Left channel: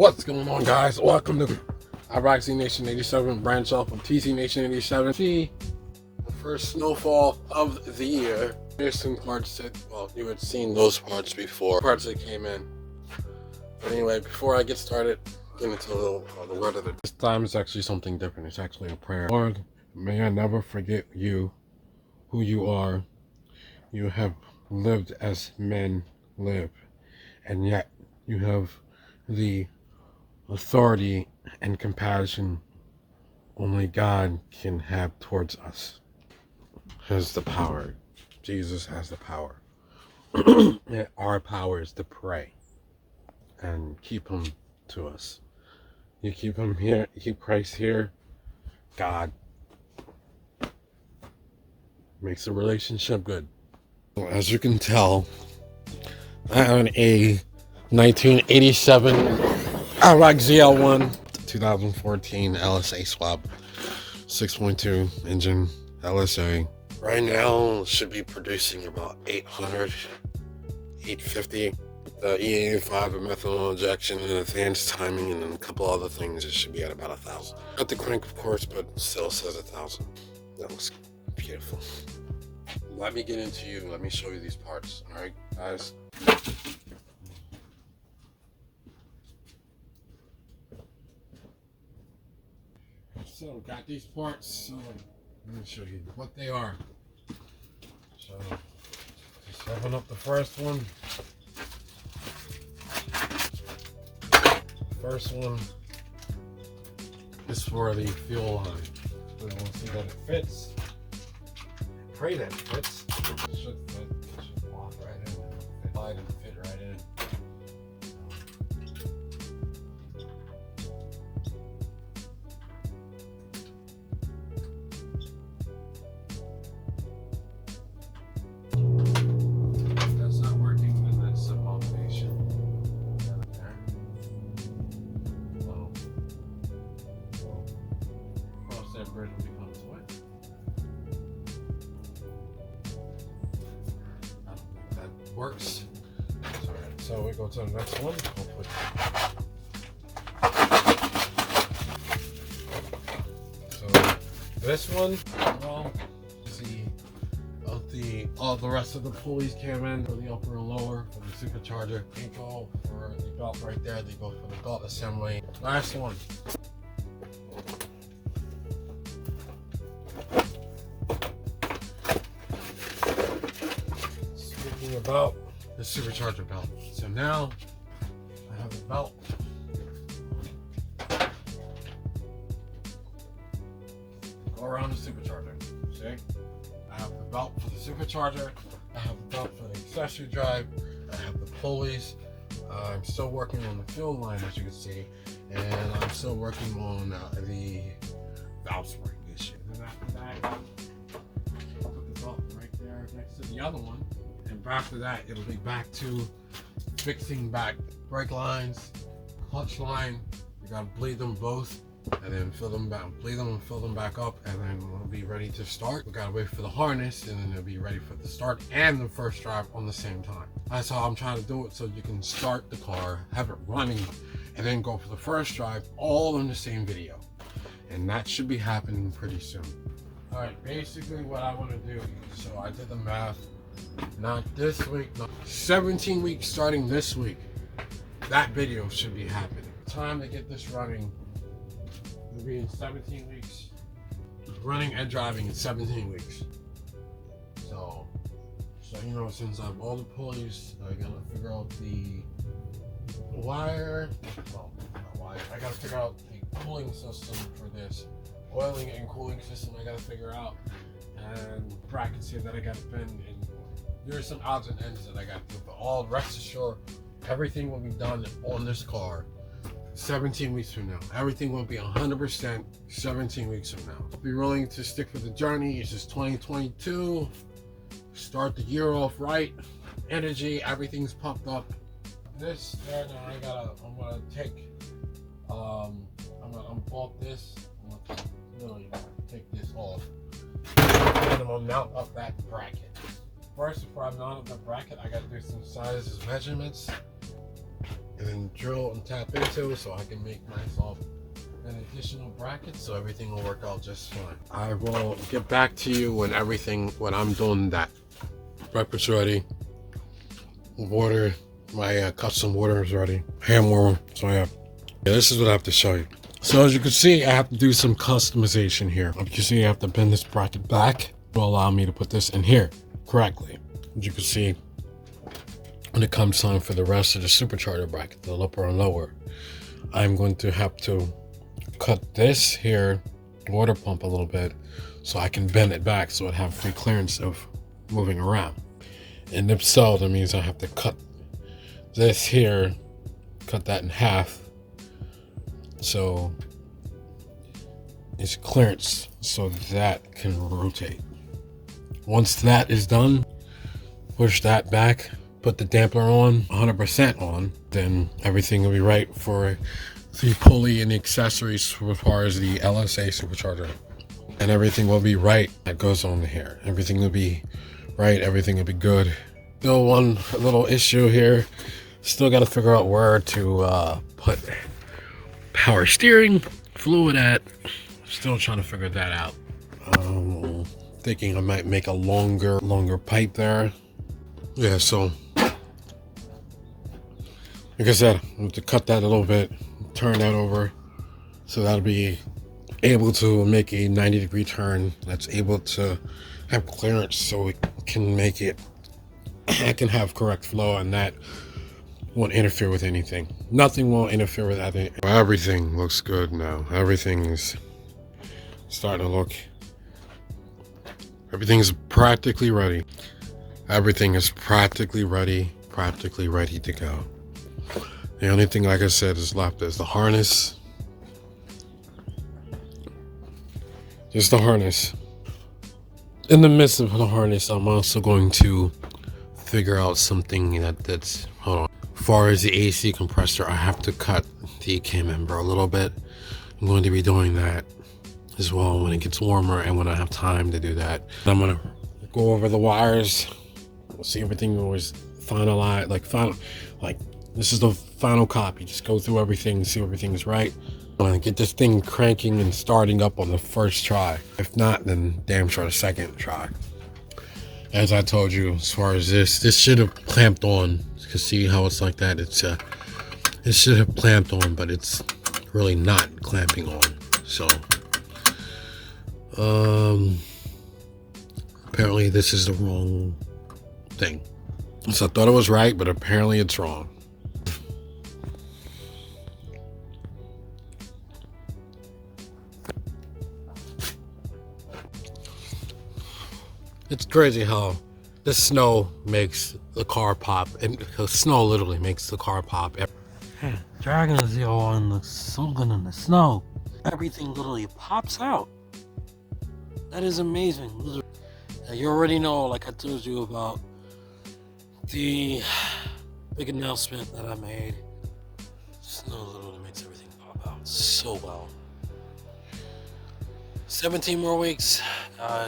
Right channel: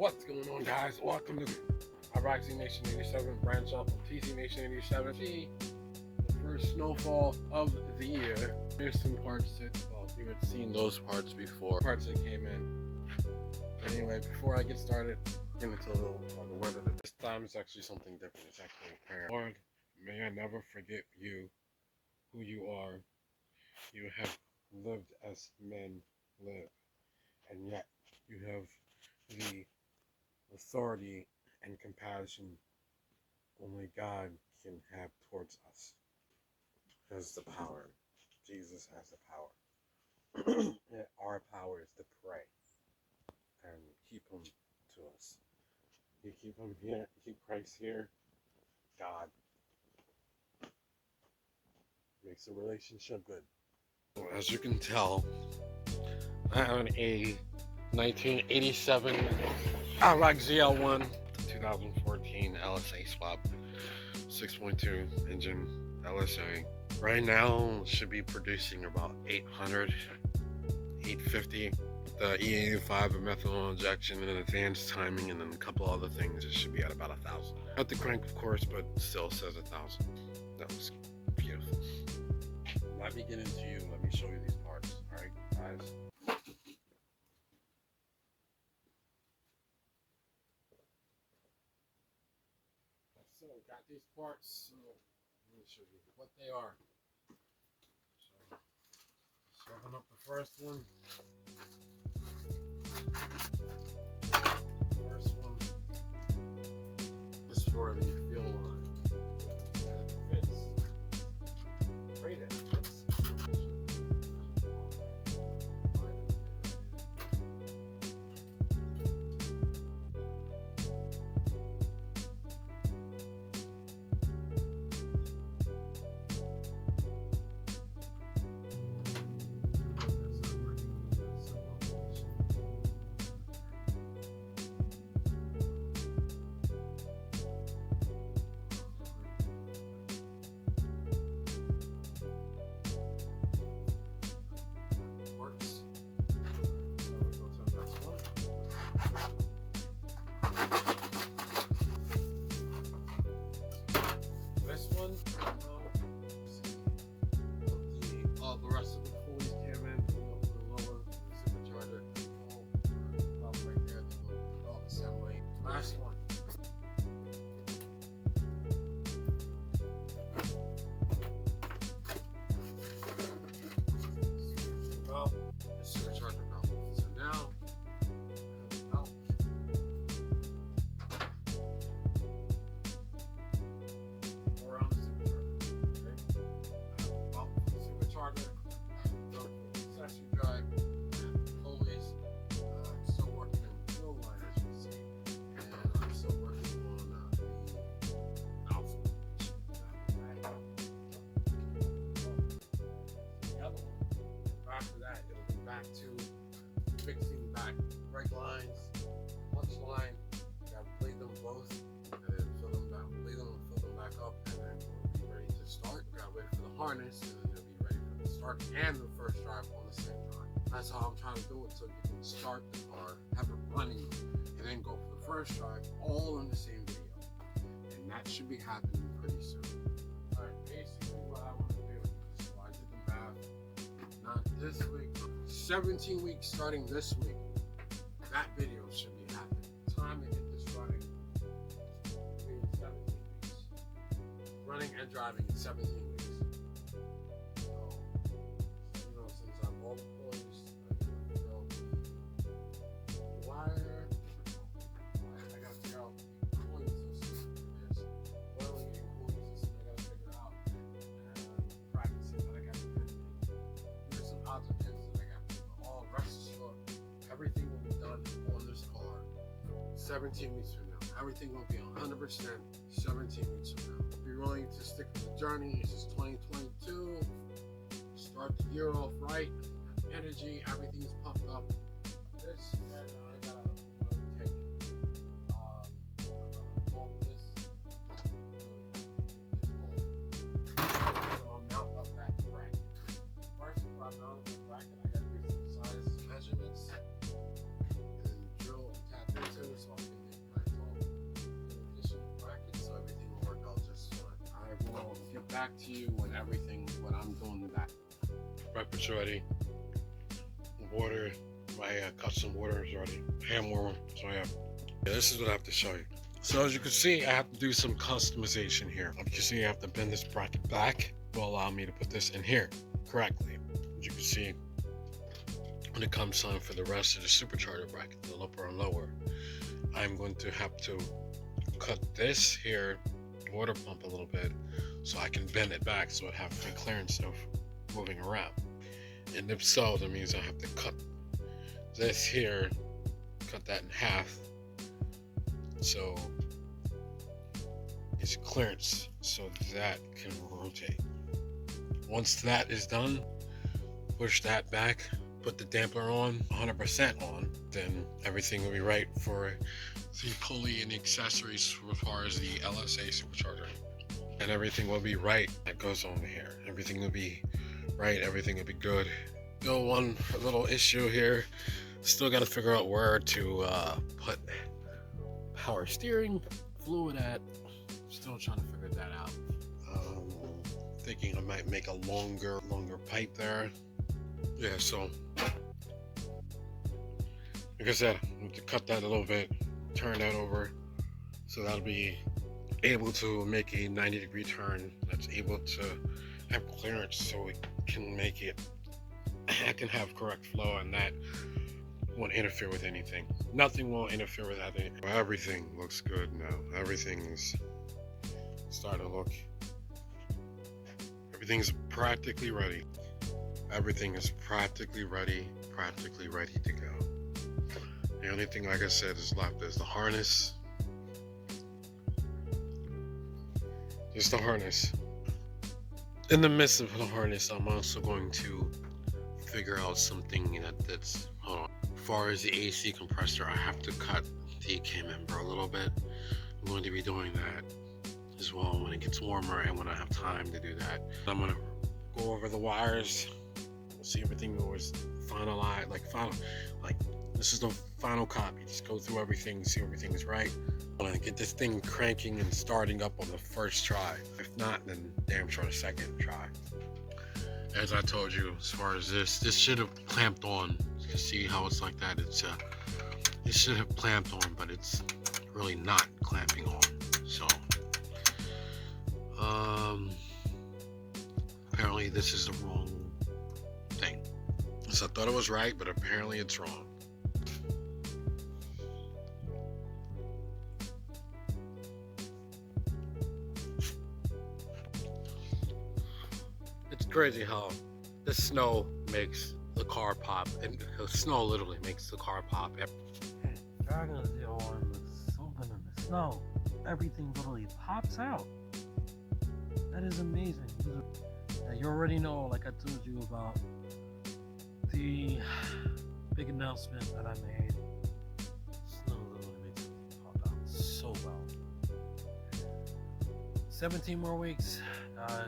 What's going on, guys? Welcome to Roxy Nation 87, branch off of TC Nation 87. The first snowfall of the year. There's some parts that, well, you had seen those parts before, parts that came in. But anyway, before I get started, get into a little the weather. This time it's actually something different. It's actually a prayer. Lord, may I never forget you, who you are. You have lived as men live, and yet you have the authority and compassion only God can have towards us. Has the power. Jesus has the power. And our power is to pray and keep him to us. You keep him here, you keep Christ here, God makes the relationship good. As you can tell, I have a 1987 Iraq ZL1 2014 LSA swap 6.2 engine LSA. Right now should be producing about 800, 850. The E85 of methanol injection and advanced timing, and then a couple other things. It should be at about 1,000. Not the crank, of course, but still says 1,000. That looks beautiful. Let me get into you. Let me show you these parts. All right, guys. So got these parts. So let me show you what they are. So just open up the first one. First one is for the fuel line. We want to see that it fits. Pray that it fits. It should fit. It should walk right in. Slide and fit right in. If that's not working, then that's some motivation. Works. Alright, so we go to the next one. So this one, well, see, all the rest of the pulleys came in for the upper and lower for the supercharger. They go for the belt right there. They go for the belt assembly. Last one. Speaking about the supercharger belt. So now I have the belt. Go around the supercharger. See? I have the belt for the supercharger. I have the belt for the accessory drive. I have the pulleys. I'm still working on the fuel line, as you can see, and I'm still working on the valve spring issue. And after that, I'll put the belt right there next to the other one. After that, it'll be back to fixing back brake lines, clutch line. You gotta bleed them both, and then fill them back, bleed them and fill them back up, and then we'll be ready to start. We gotta wait for the harness, and then it'll be ready for the start and the first drive on the same time. That's how I'm trying to do it, so you can start the car, have it running, and then go for the first drive all in the same video. And that should be happening pretty soon. All right, basically what I want to do, so I did the math. Not this week, no. 17 weeks starting this week. That video should be happening. Time to get this running. It'll be in 17 weeks. Running and driving in 17 weeks. So you know, since I have all the pulleys, I gotta figure out the wire. Well, not wire. I gotta figure out the cooling system for this. Oiling and cooling system I gotta figure out. And brackets here that I gotta bend. There's some odds and ends that I got to do, but all rest assured, everything will be done on this car 17 weeks from now. Everything will be 100% 17 weeks from now. Be willing to stick with the journey. It's just 2022. Start the year off right. Energy, everything's pumped up. This, and I'm gonna take, I'm gonna unbolt this. I'm gonna really take this off. And I'm gonna mount up that bracket. First, before I mount up the bracket, I gotta do some sizes measurements, and then drill and tap into so I can make myself an additional bracket so everything will work out just fine. I will get back to you when I'm doing that. Breakfast ready. Water, my custom water is ready. Hand warmer. So yeah, this is what I have to show you. So as you can see, I have to do some customization here. As you can see, I have to bend this bracket back to allow me to put this in here correctly. As you can see, when it comes time for the rest of the supercharger bracket, the upper and lower, I'm going to have to cut this here water pump a little bit so I can bend it back so it have free clearance of moving around. And if so, that means I have to cut this here, cut that in half so it's clearance so that can rotate. Once that is done, push that back, put the damper on 100% on, then everything will be right for the pulley and the accessories as far as the LSA supercharger, and everything will be right that goes on here. Everything will be right, everything will be good. Still one little issue here, still got to figure out where to put power steering fluid at. Still trying to figure that out. Thinking I might make a longer pipe there. Yeah, so like I said, I have to cut that a little bit, turn that over, so that'll be able to make a 90-degree turn that's able to have clearance so it can make it, I can have correct flow, and that won't interfere with anything. Nothing will interfere with anything. Everything looks good now. Everything's starting to look, everything's practically ready. Everything is practically ready to go. The only thing, like I said, is left is the harness. Just the harness. In the midst of the harness, I'm also going to figure out something that's, hold on. As far as the AC compressor, I have to cut the K member a little bit. I'm going to be doing that as well when it gets warmer and when I have time to do that. I'm gonna go over the wires, see everything was finalized, like this is the final copy. Just go through everything, see everything is right. I'm gonna get this thing cranking and starting up on the first try. If not, then damn sure the second try. As I told you, as far as this should have clamped on. You can see how it's like that. It should have clamped on, but it's really not clamping on. So apparently this is the wrong thing. So I thought it was right, but apparently it's wrong. It's crazy how the snow makes the car pop, and the snow literally makes the car pop. Hey, Dragon Zero and something in the snow, everything literally pops out. That is amazing. Now, you already know, like I told you about the big announcement that I made. Snow literally makes everything pop out so well. 17 more weeks,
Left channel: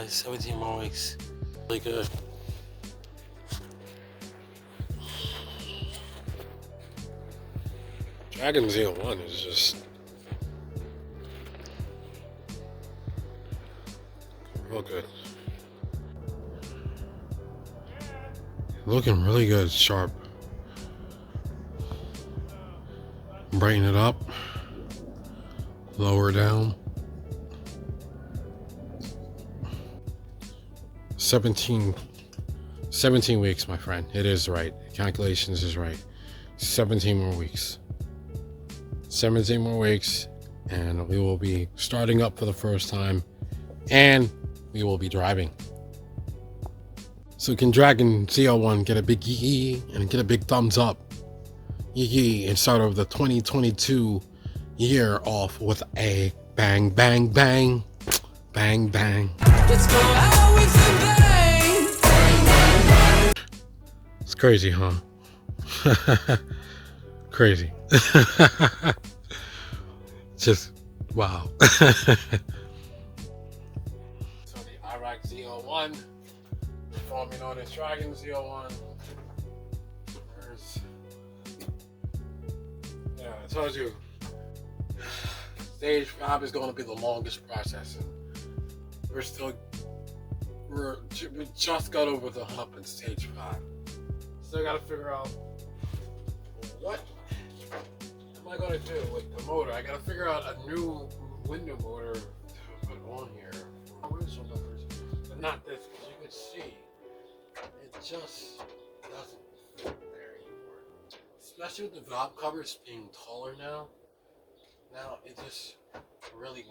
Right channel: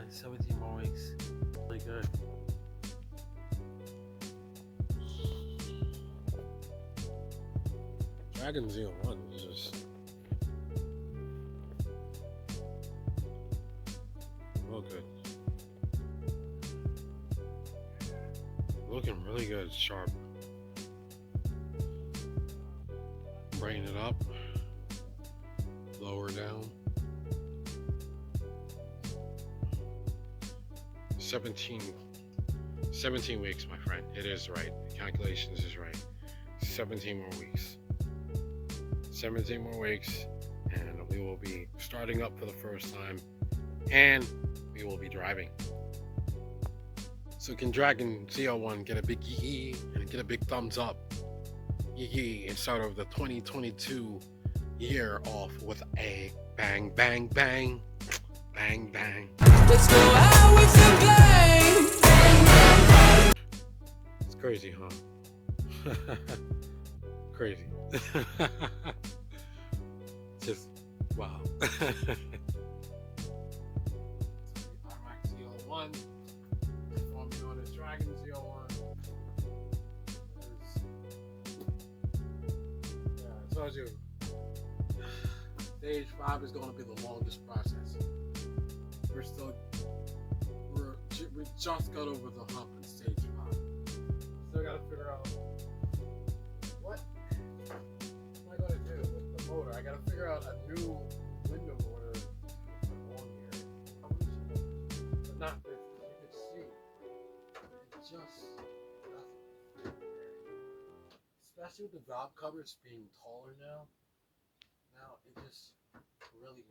17 more weeks. Really good. Dragon Z01 is just real good. Looking really good, sharp. Brighten it up, lower down. 17 weeks, my friend. It is right. Calculations is right. 17 more weeks. 17 more weeks, and we will be starting up for the first time, and we will be driving. So can Dragon ZL1 get a big yee and get a big thumbs up yee and start over the 2022 year off with a bang, bang, bang, bang, bang. Let's go out with a bang. It's crazy, huh? Crazy. Just wow. So the Iraq Z01, formerly known as Dragon Z01. told you, stage 5 is going to be the longest process. We just got over the hump in stage 5. Still got to figure out what am I going to do with the motor. I got to figure out a new window motor to put on here. Windshield numbers, but not this, because you can see it just doesn't fit there anymore. Especially with the valve covers being taller now. Now it just really.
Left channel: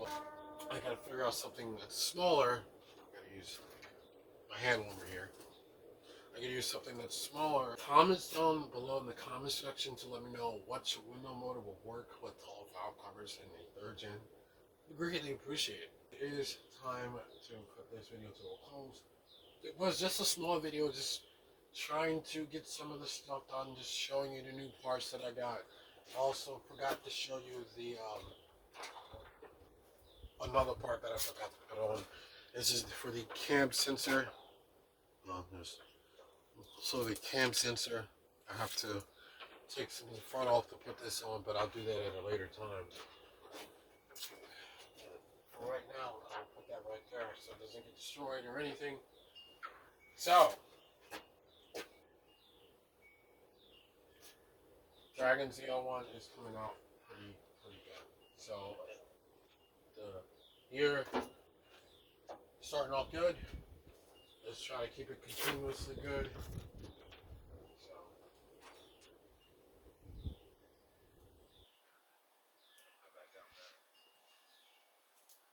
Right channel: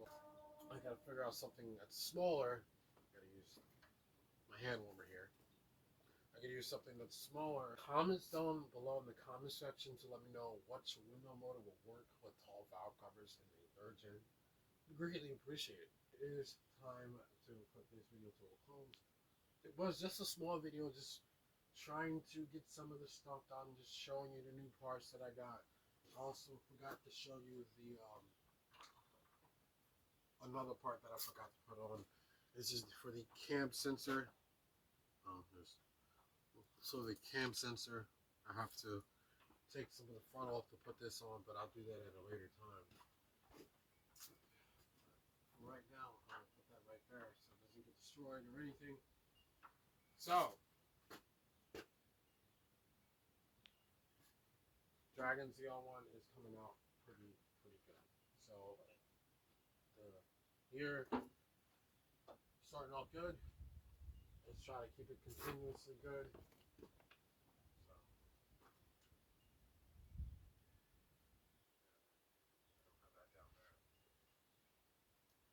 I got to figure out something that's smaller. I got to use my hand warmer here. I can use something that's smaller. Comments down below in the comment section to let me know what window motor will work with tall valve covers in a 3rd gen. I greatly appreciate it. It is time to put this video to a close. It was just a small video, just trying to get some of the stuff done, just showing you the new parts that I got. Also forgot to show you the another part that I forgot to put on. This is for the cam sensor. So the cam sensor, I have to take some of the front off to put this on, but I'll do that at a later time. For right now, I'll put that right there so it doesn't get destroyed or anything. So, Dragon ZL1 is coming out pretty good. So, the year starting off good. Let's try to keep it continuously good. So,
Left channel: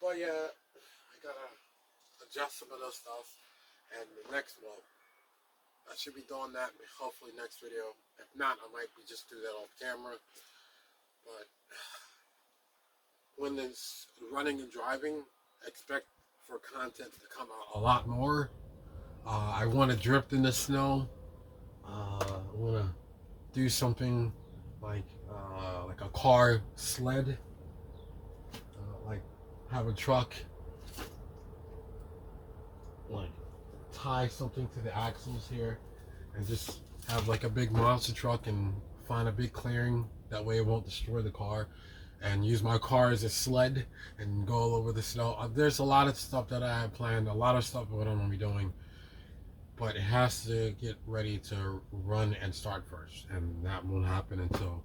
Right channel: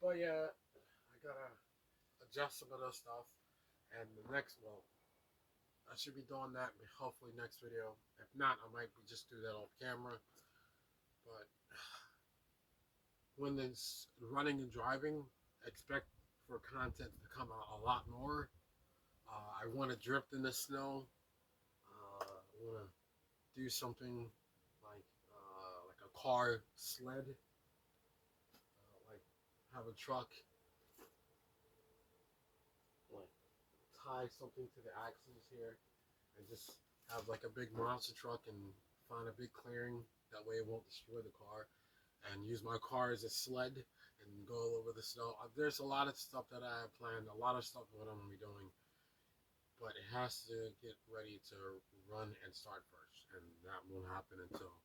but yeah, I gotta adjust some of the stuff, and the next one, I should be doing that hopefully next video. If not, I might just do that off camera. But when it's running and driving, expect for content to come out a lot more. I want to drift in the snow. I want to do something like a car sled, like have a truck, like tie something to the axles here, and just have like a big monster truck and find a big clearing. That way it won't destroy the car, and use my car as a sled and go all over the snow. There's a lot of stuff that I have planned, a lot of stuff what I'm going to be doing, but it has to get ready to run and start first, and that won't happen until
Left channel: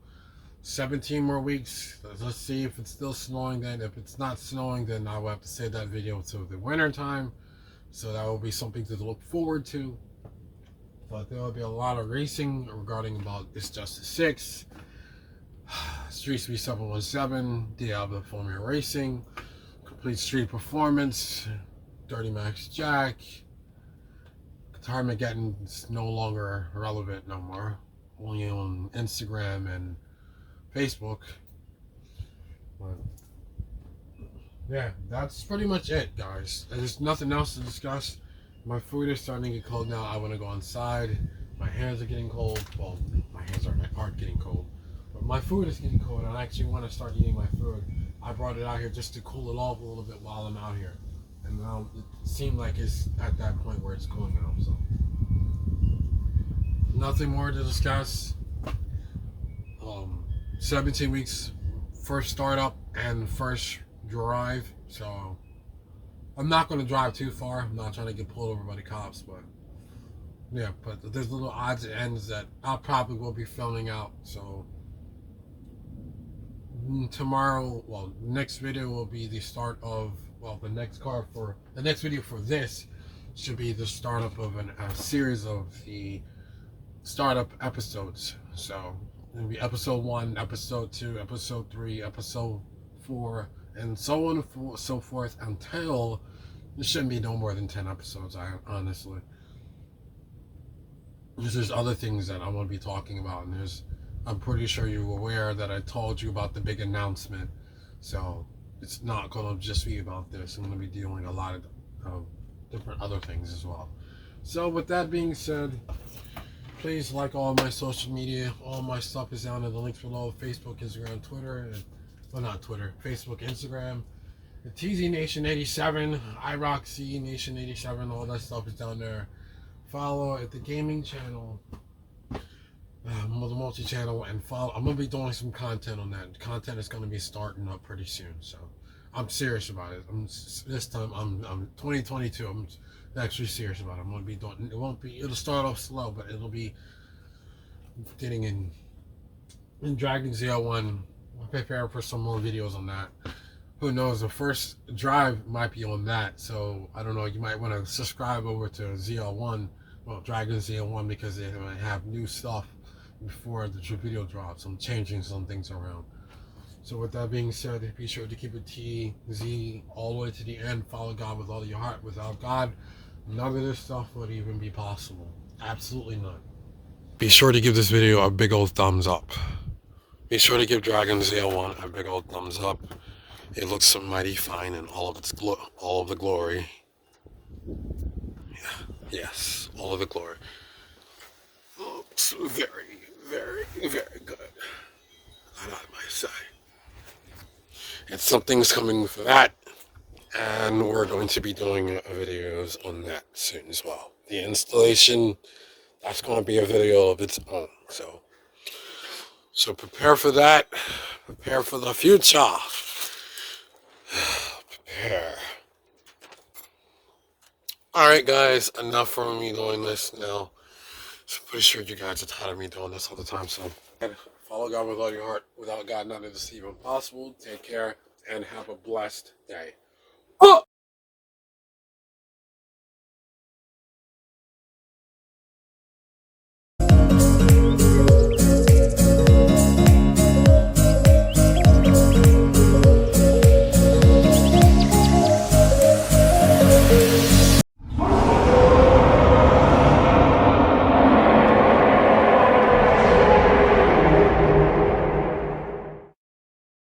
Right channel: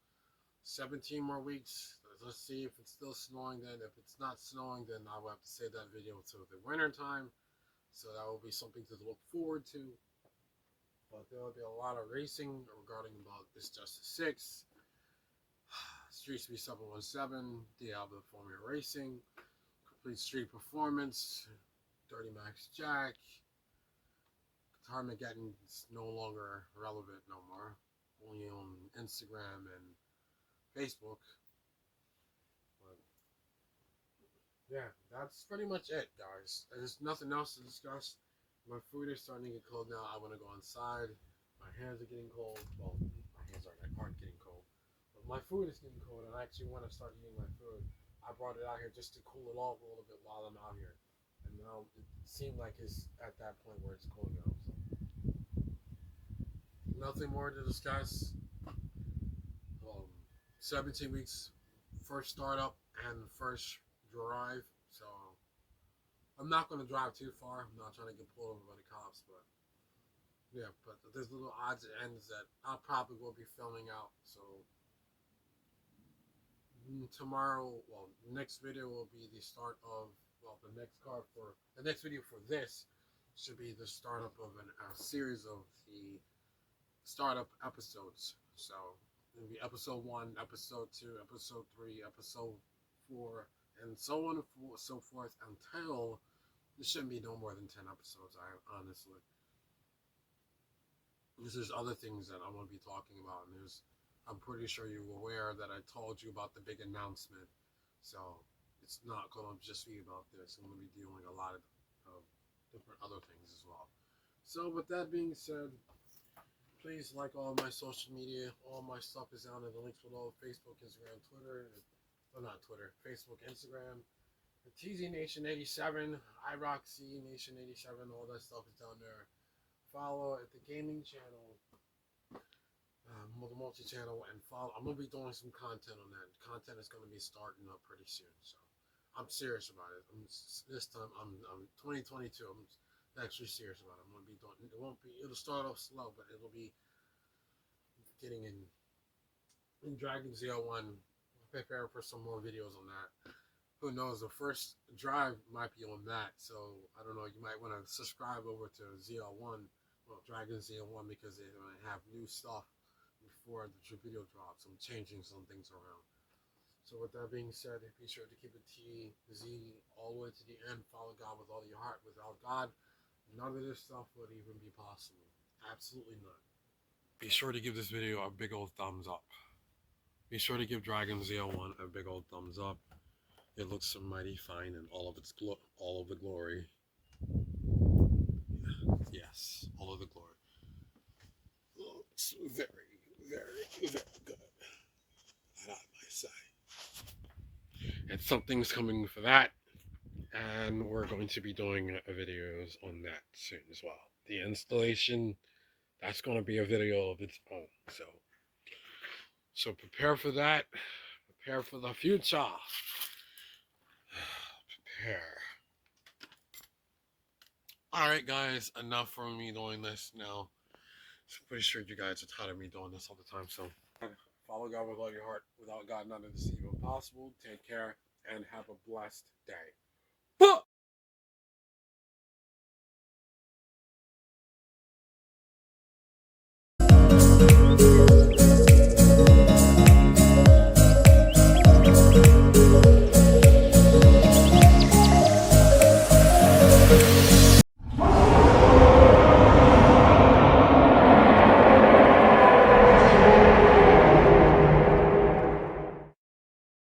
17 more weeks. Let's see if it's still snowing then. If it's not snowing, then I will have to save that video to the winter time, so that will be something to look forward to. But there will be a lot of racing regarding about It's Justice 6, Street Speed 717, Diablo Formula Racing, Complete Street Performance, Dirty Max Jack. Armageddon is no longer relevant no more, only on Instagram and Facebook. But yeah, that's pretty much it, guys. There's nothing else to discuss. My food is starting to get cold now. I want to go inside. My hands are getting cold. Well, my hands aren't getting cold, but my food is getting cold, and I actually want to start eating my food. I brought it out here just to cool it off a little bit while I'm out here. And now it seemed like it's at that point where it's cooling out. So nothing more to discuss. 17 weeks, first startup and first drive. So I'm not going to drive too far. I'm not trying to get pulled over by the cops, but yeah. But there's little odds and ends that I probably will be filming out. So tomorrow, well, next video will be the start of. Well, the next video for this should be the startup of a series of the startup episodes. So it'll be episode 1, episode 2, episode 3, episode 4, and so on and so forth until there shouldn't be no more than 10 episodes. Honestly, because there's other things that I want to be talking about, and I'm pretty sure you're aware that I told you about the big announcement. So it's not going to just be about this. I'm going to be dealing a lot of different other things as well. So with that being said, please like all my social media. All my stuff is down in the links below. Facebook, Instagram, Twitter. Well, not Twitter. Facebook, Instagram. The TZ Nation 87. IROC Nation 87. All that stuff is down there. Follow at the gaming channel. the multi-channel, and follow. I'm gonna be doing some content on that. Content is gonna be starting up pretty soon, so I'm serious about it. This time I'm 2022. I'm actually serious about it. I'm gonna be doing. It won't be. It'll start off slow, but it'll be getting in Dragon ZL1. I'll prepare for some more videos on that. Who knows? The first drive might be on that, so I don't know. You might want to subscribe over to ZL1, well, Dragon ZL1, because they might have new stuff before the video drops. I'm changing some things around. So with that being said, be sure to keep it TZ all the way to the end. Follow God with all your heart. Without God, none of this stuff would even be possible. Absolutely none. Be sure to give this video a big old thumbs up. Be sure to give Dragon ZL1 a big old thumbs up. It looks so mighty fine in all of its all of the glory. Yeah, yes, all of the glory. Looks very, very, very good. That I might say. And something's coming for that, and we're going to be doing videos on that soon as well. The installation, that's going to be a video of its own. So prepare for that. Prepare for the future. Prepare. Alright guys, enough from me doing this now. So pretty sure you guys are tired of me doing this all the time, so follow God with all your heart. Without God, none of this is even possible. Take care and have a blessed day.